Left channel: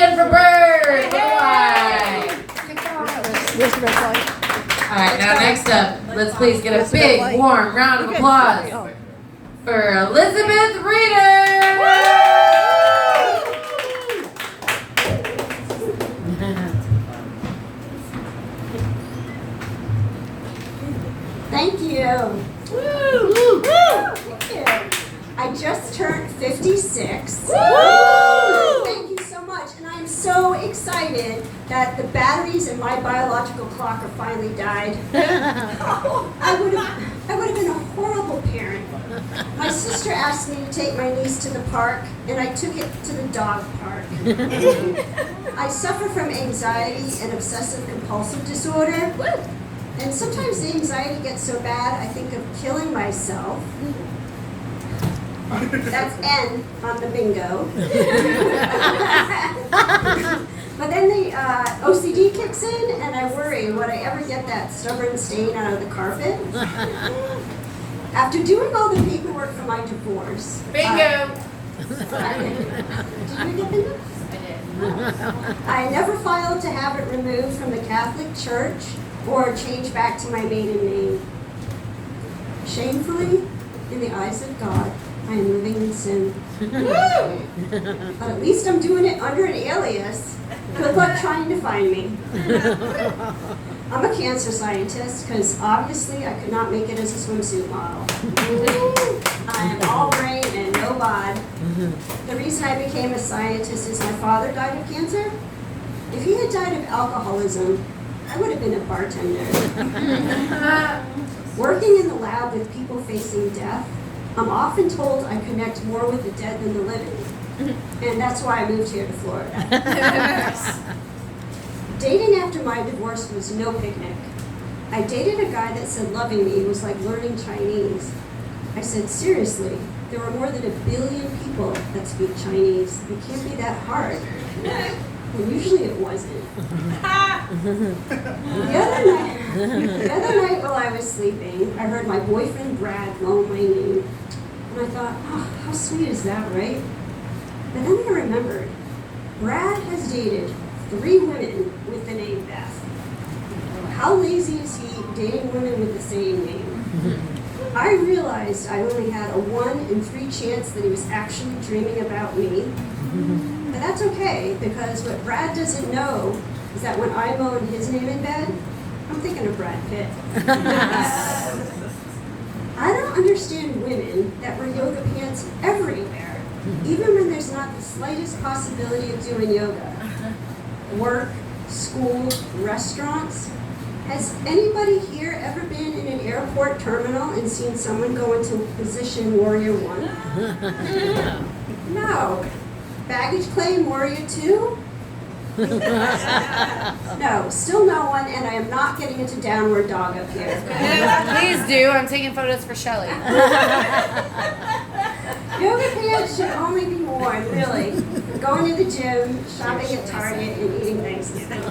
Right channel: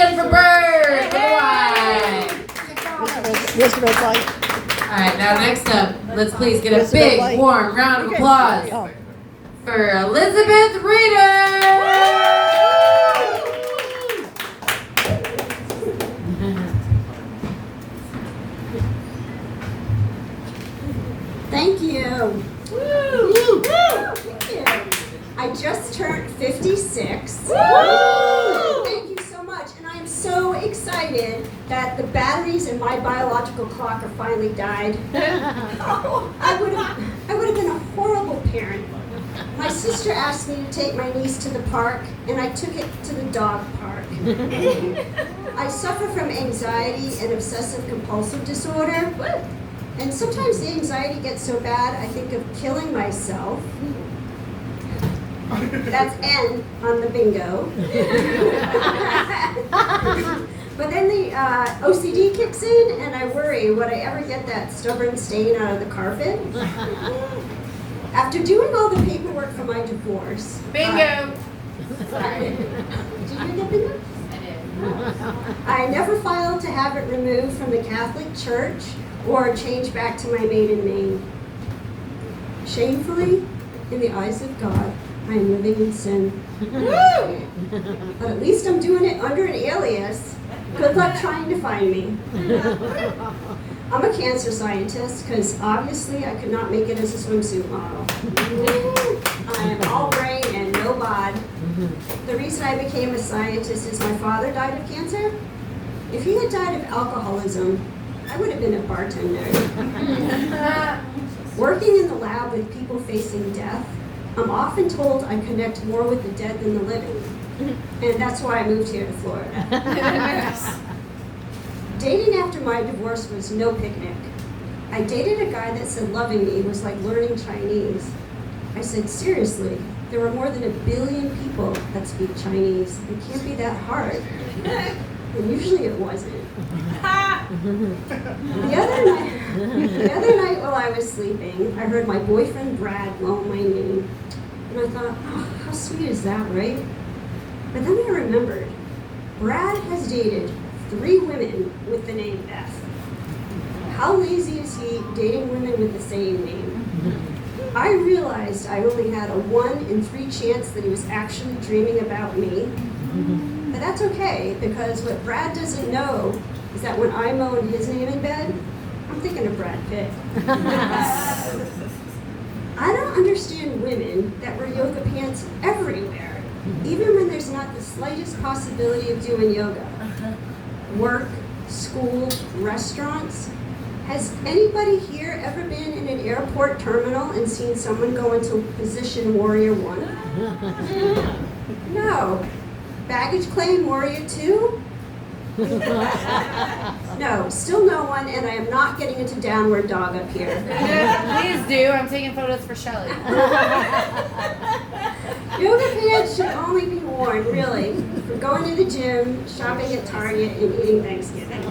again for Bird. This looks like. All right, now next up, let's please get a big, warm round of applause for Elizabeth Reeder. Thank you. Woo! Thank you. I just turned 56. Thank you so much. And I am so excited that the batteries in my biological clock are finally died. I would have been a horrible parent. My sister asked me to take my niece to the park, and I took it to the dog park. I suffer from anxiety and obsessive compulsive disorder. And sometimes the anxiety gets so bad, I think of killing myself. That's N on the bingo. But then the OCD kicks in, and I worry, would I ever get that stubborn stain out of the carpet? After doing all the paperwork for my divorce. Bingo! Did you get bingo? I never filed to have it removed from the Catholic Church or changed back to my maiden name. Shamefully, in the eyes of God, I am living in sin. But at least I'm doing it under an alias. Good luck trying to find me. I'm a cancer scientist because obviously I could not make it as a swimsuit model. I am all brain and no bod. The reason I became a scientist is my father died of cancer. If he had died of alcoholism, I would have been a bartender. Working in the lab with people facing death, I'm often told I connect more with the dead than the living. And that's why I moved here to Florida. Dating after my divorce was no picnic. I dated a guy that said loving me was like learning Chinese. I said, seriously, there are more than 1 billion people that speak Chinese. It can't be that hard. And usually it wasn't. The other night while I was sleeping, I heard my boyfriend Brad moan my name. And I thought, oh, how sweet is that, right? But then I remembered, Brad has dated 3 women with the name Beth. How lazy is he dating women with the same name? I realized I only had a 1 in 3 chance that he was actually dreaming about me. But that's okay, because what Brad doesn't know is that when I moan his name in bed, I'm thinking of Brad Pitt. I don't understand women that wear yoga pants everywhere, even when there's not the slightest possibility of doing yoga. Work, school, restaurants. Has anybody here ever been in an airport terminal and seen someone go into position warrior 1? No. Baggage claim warrior 2? No, still no one, and I am not getting into downward dog up here. Please do. I'm taking photos for Shelly. Yoga pants should only be worn, really, for going to the gym, shopping at Target, and eating Thanksgiving.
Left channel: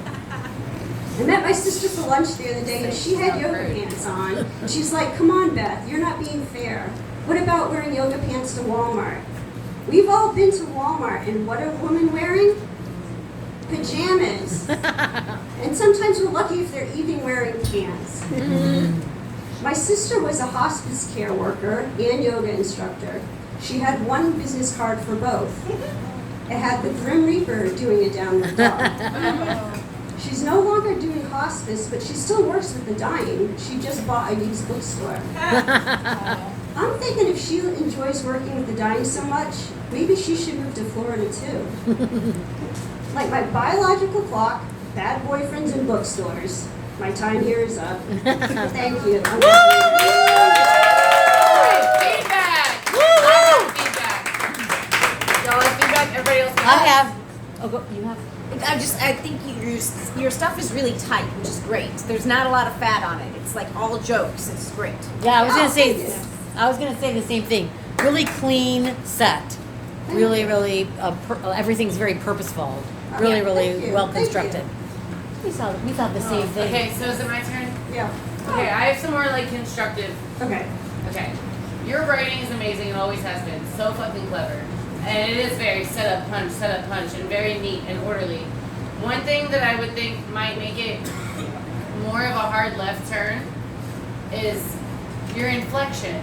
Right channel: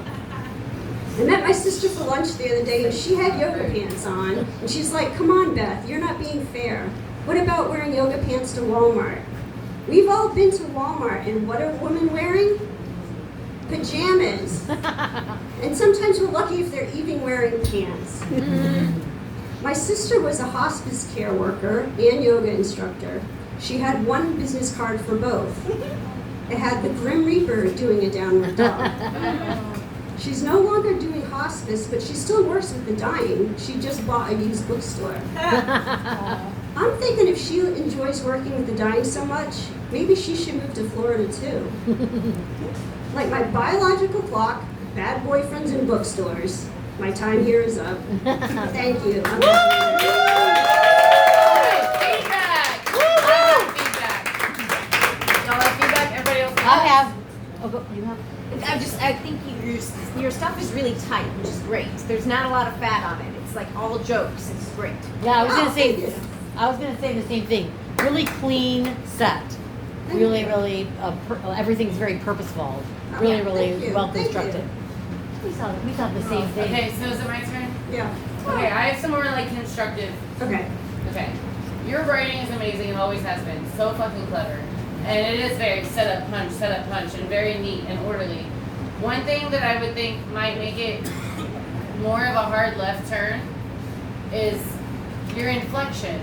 I met my sister for lunch the other day, and she had yoga pants on. And she's like, come on, Beth, you're not being fair. What about wearing yoga pants to Walmart? We've all been to Walmart, and what are women wearing? Pajamas. And sometimes we're lucky if they're even wearing pants. My sister was a hospice care worker and yoga instructor. She had 1 business card for both. It had the Grim Reaper doing a downward dog. She's no longer doing hospice, but she still works with the dying. She just bought a used bookstore. I'm thinking if she enjoys working with the dying so much, maybe she should move to Florida too. Like my biological clock, bad boyfriends and bookstores. My time here is up. Thank you. Feedback! Feedback! Y'all have feedback? Everybody else? I have. Oh, you have. I think your stuff is really tight, which is great. There's not a lot of fat on it. It's like all jokes. It's great. Yeah, I was gonna say the same thing. Really clean set. Really, everything's very purposeful. Really well constructed. We thought the same thing. Okay, so is it my turn? Yeah. Okay, I have some more like constructive. Okay. Okay. Your writing is amazing. It always has been. So fucking clever. And it is very set up, punch, and very neat and orderly. One thing that I would think might make it more of a hard left turn is your inflection.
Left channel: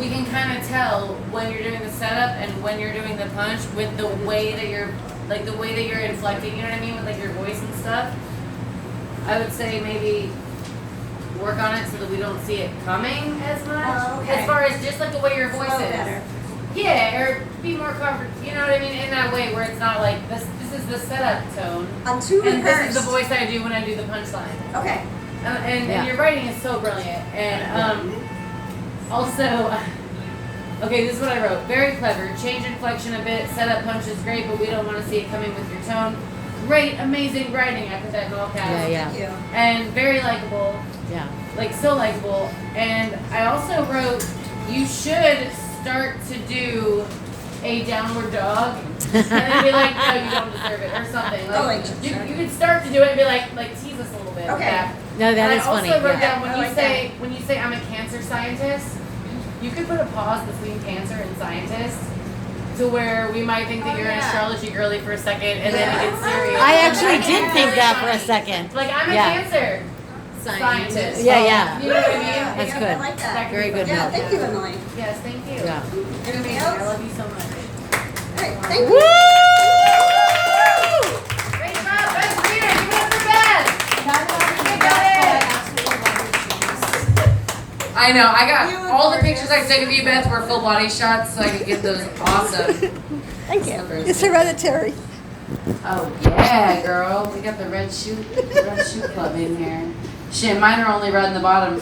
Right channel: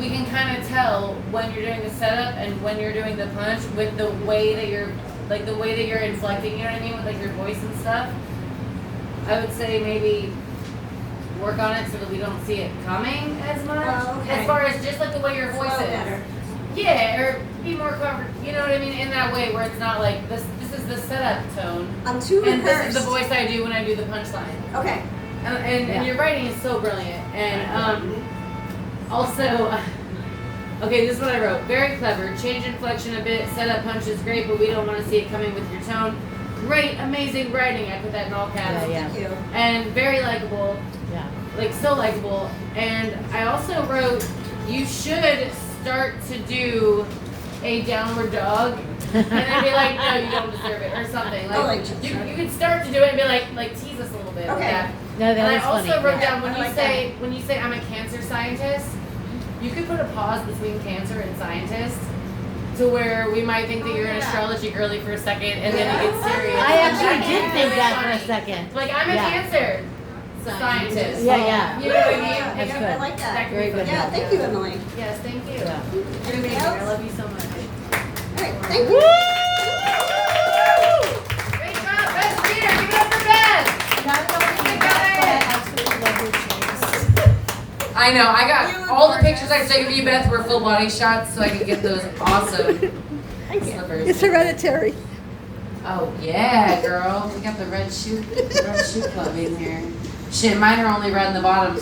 We can kind of tell when you're doing the setup and when you're doing the punch with the way that you're, like the way that you're inflecting, you know what I mean, with like your voice and stuff. I would say maybe work on it so that we don't see it coming as much. Oh, okay. As far as just like the way your voice Flow is. better. Yeah, or be more covered, you know what I mean, in that way where it's not like this is the setup tone. I'm too And this is rehearsed. the voice I do when I do the punchline. Okay. And your writing is so brilliant. And also, okay, this is what I wrote. Very clever. Change inflection a bit. Setup punch is great, but we don't want to see it coming with your tone. Great, amazing writing. I put that in all caps. Yeah. Thank you. And very likable. Yeah. Like so likable. And I also wrote, you should start to do a downward dog and then be like, no, you don't deserve it or something. Like you could start to do it and be like tease us a little bit with Okay. that. No, And that I is also funny. wrote down I like when you say I'm a cancer scientist, you could put a pause between cancer and scientist to where we might think that you're an astrology girly for a second and then it gets serious. I actually did It's think really that for a funny. second. Like I'm a Yeah. cancer scientist. Yeah. You know what I mean? Yeah, That's I good. like that. That Very good. Yeah, thank you, Emily. Yes, thank you. Yeah. You're amazing. I love you so much. All right, thank you. Great job, Beth Reader. Give it up for Beth. I know. I got all the pictures I've taken of you, Beth, were full body shots, so I could get those awesome. Thank you. It's hereditary. Oh yeah, girl. We got the red shoe club in here. Shit, mine are only red in the bottom.